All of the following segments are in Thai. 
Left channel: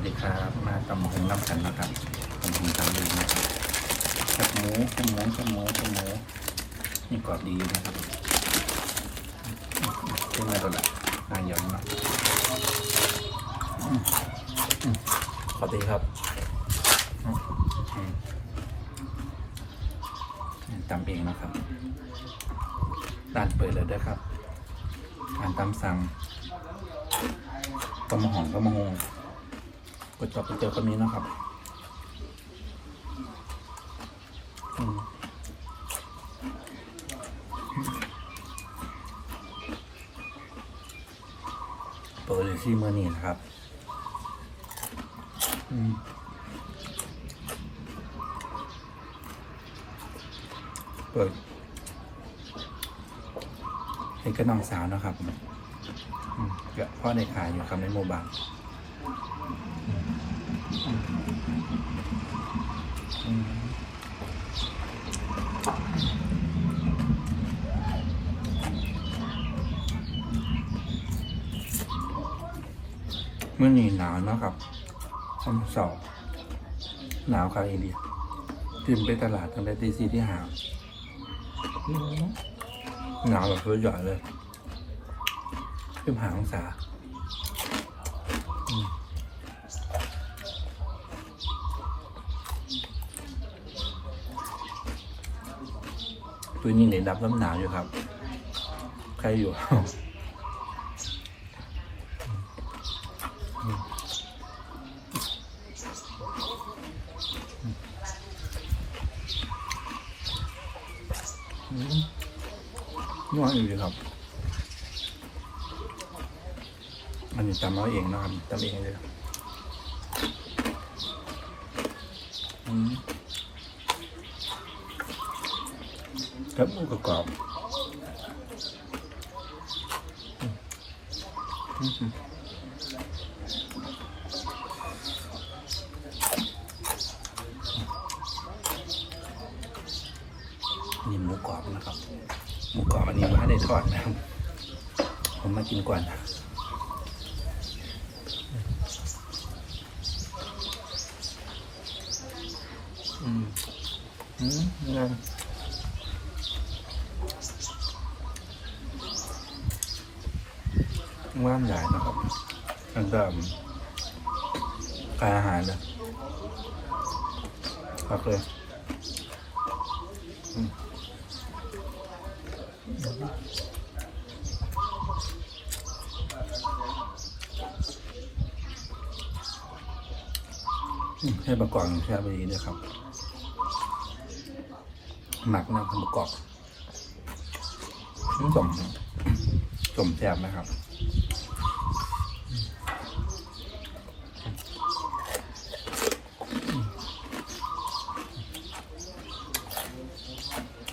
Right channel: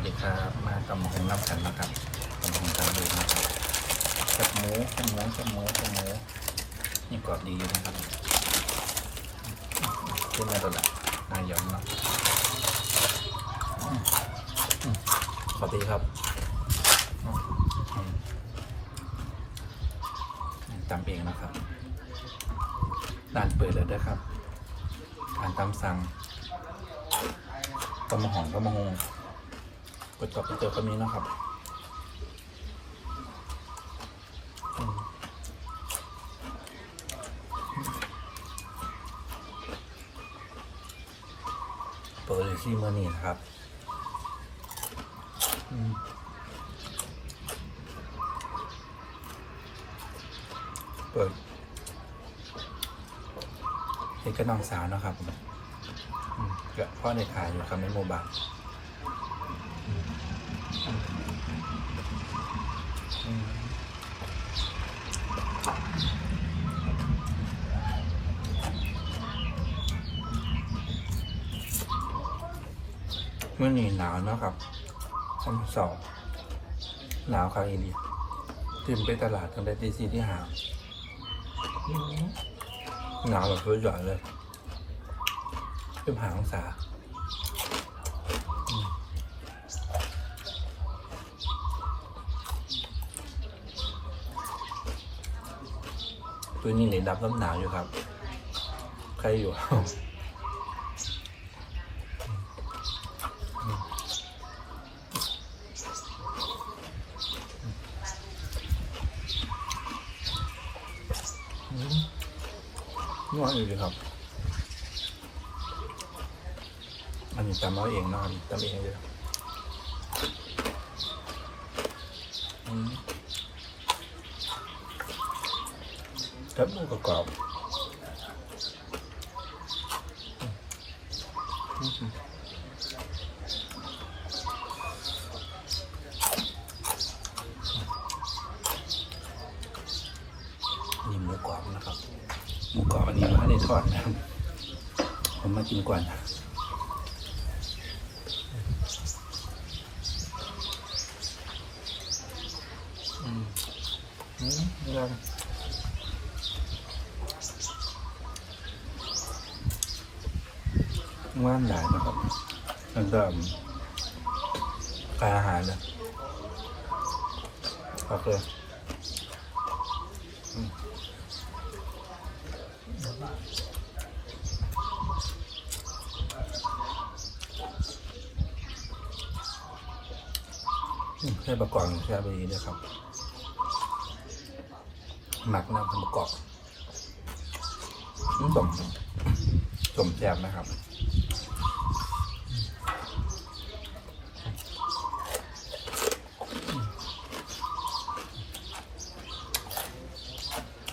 วัสดีครับ มาตำหงน้ำกันนะครับตำหงสังเลยนะครับแคบหมูแคบหมูแคบหมูแคบหมูนี่กรอบดีนะครับขึ้นมาตัวละนายำนะอืมอืมขอบดีครับตำเองนะครับร้านเปิดแล้วด้วยครับร้านตำสั่งตำมะหอนตำมะฮง เปิดจอบไปเจอคนนี้นะครับเปิดเลยที่มื่อนี้นะครับเปิดเป็นกระน้องสาวนะครับเดี๋ยวพ่อในขายอยู่ครับในโมบาง มื่อนี้หนาวเนาะครับคำสอบหนาวครับเอนี่ขึ้นไปตลาดตั้งแต่ตีสี่ที่หาหนาวแบบเพื่อหย่อนเลยขึ้นหาองศา ตัวนี้เนี่ยดับน้ำหนาวอยู่ครับ ใครอยู่อืมนวดอยู่ครับ อันนี้ตำน้อยเองนะครับตำเองเลยอืม จับมือกรอบนี่หมูกรอบนะครับหมูกรอบอันนี้ไม่ได้ทอดนะครับผมมากินก่อนอืมอืม อะไรว่านใหญ่นะครับแล้วก็อาหารนะโอเคอืมอืมให้ประกอบแค่ไปนี้ด้วยครับ หมักน้ำประกอบสมสมแซ่บนะครับ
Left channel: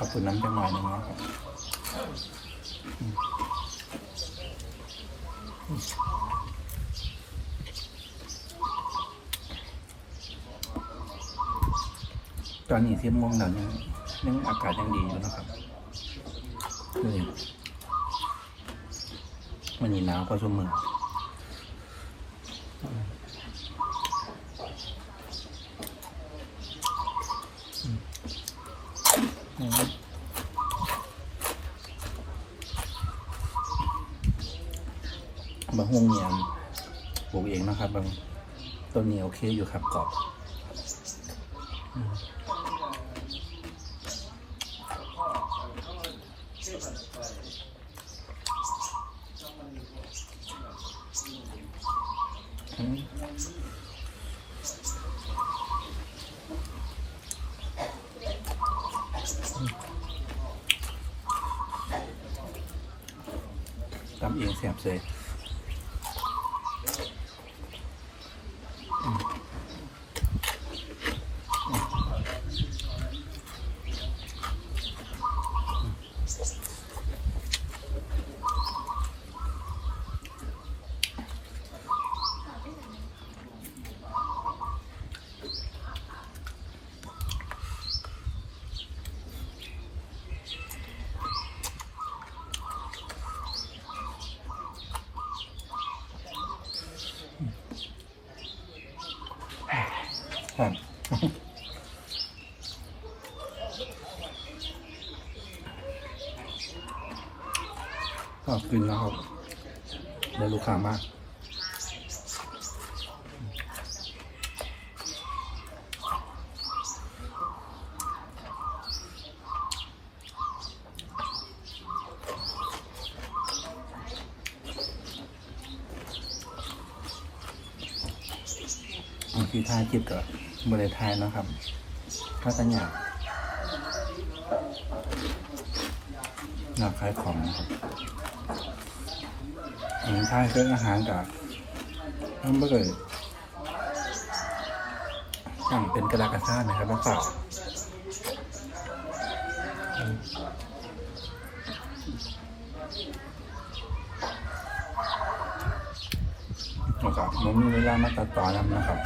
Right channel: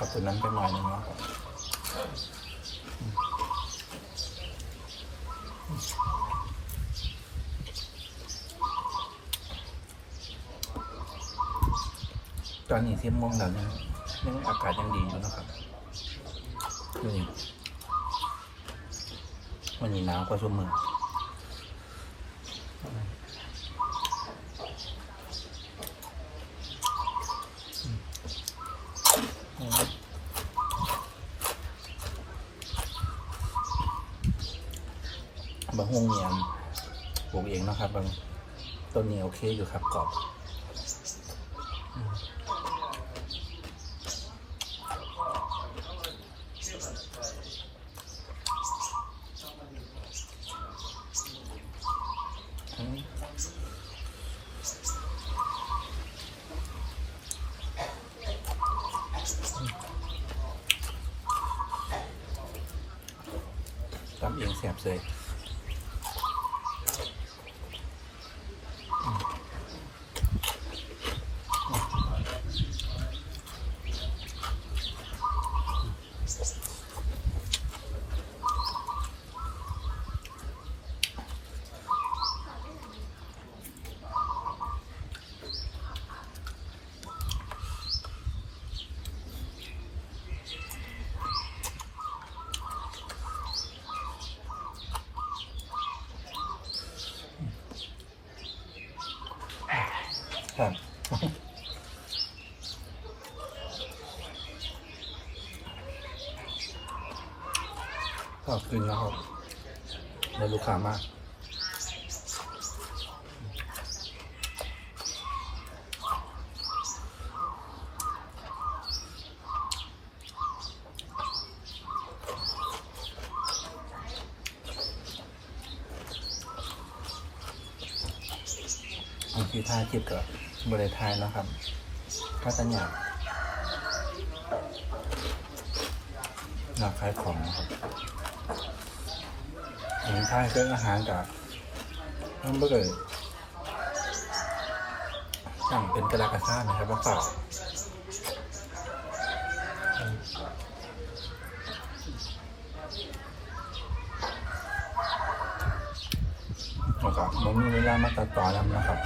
ขอบคุณน้ำจังหวะนะครับตอนนี้เสิบโมงแล้วยังยังอากาศยังดีอยู่นะครับนี่มันนี่หนาวก็ชุ่มมืออืม บางห้องเนี่ยปลูกเองนะครับบางต้นนี้โอเคอยู่ครับกรอบอืมอืมทำเองแสบเลย ครับกินแล้วครับเดี๋ยวลูกค้ามากบางทีทายจิบกั บริทายนะครับก็ตัญญากนำขายของนะครับอันนี้ทายเครื่อาหารกับน้ำเบอร์อย่งเป็นกระลากระซ่านะครับน้ำเปล่าอืมนะครับมันมีเวลามาตัดต่อแล้วนะครับ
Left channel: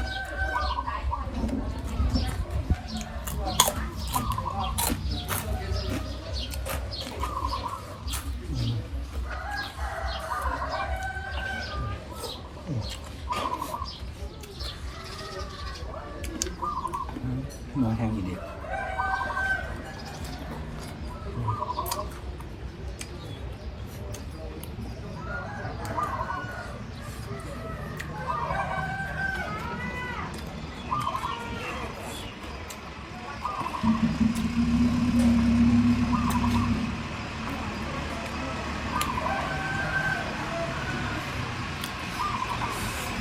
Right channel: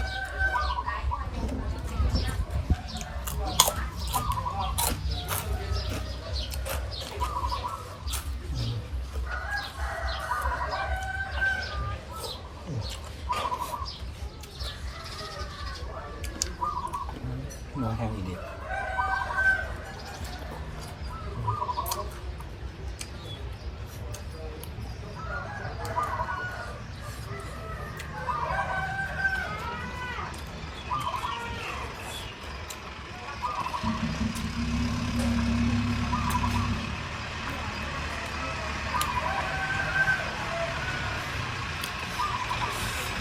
เนื้อแห้งอีเดีย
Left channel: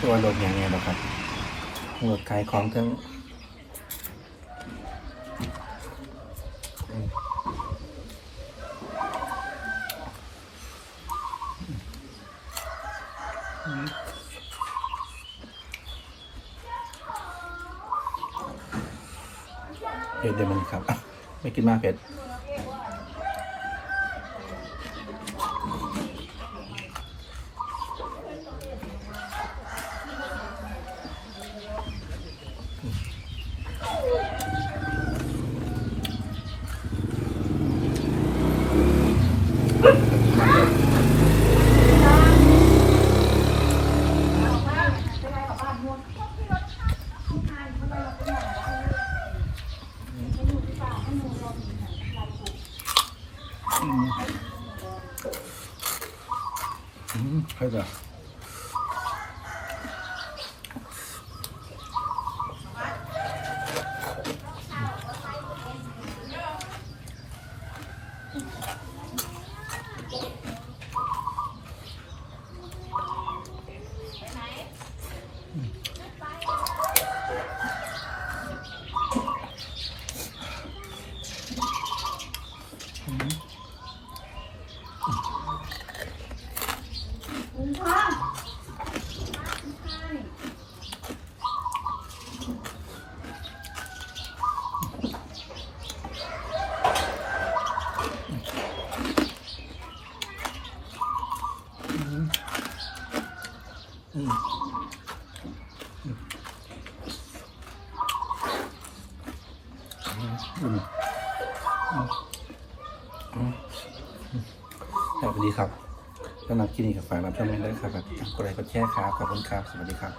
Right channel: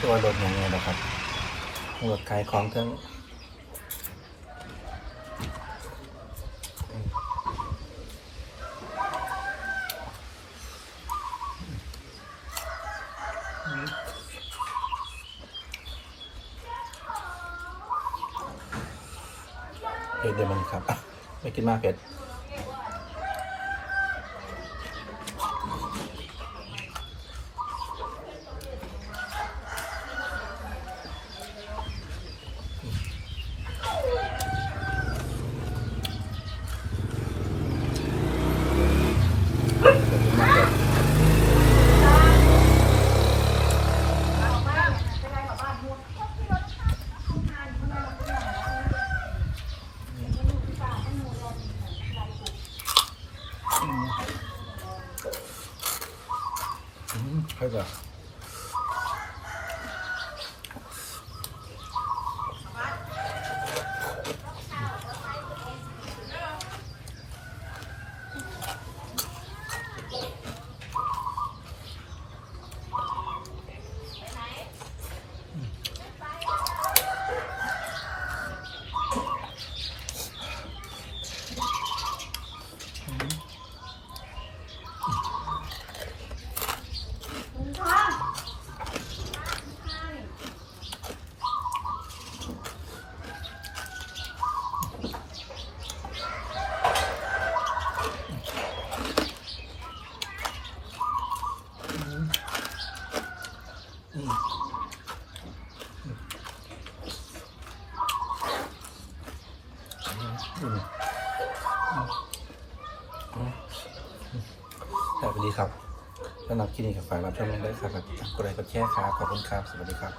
ตัวรถอย่างนี้ยนะครับรถขายของทั้ง เผ็ดเดี๋ยวมันครับ ไม่กินมากเผ็ด อืม สวัสดีครับสำหรับคลินิกกับฝายรับชมได้ครับกดไลค์กดแชร์ครับ ขอบคุณครับ สวัสดีครับ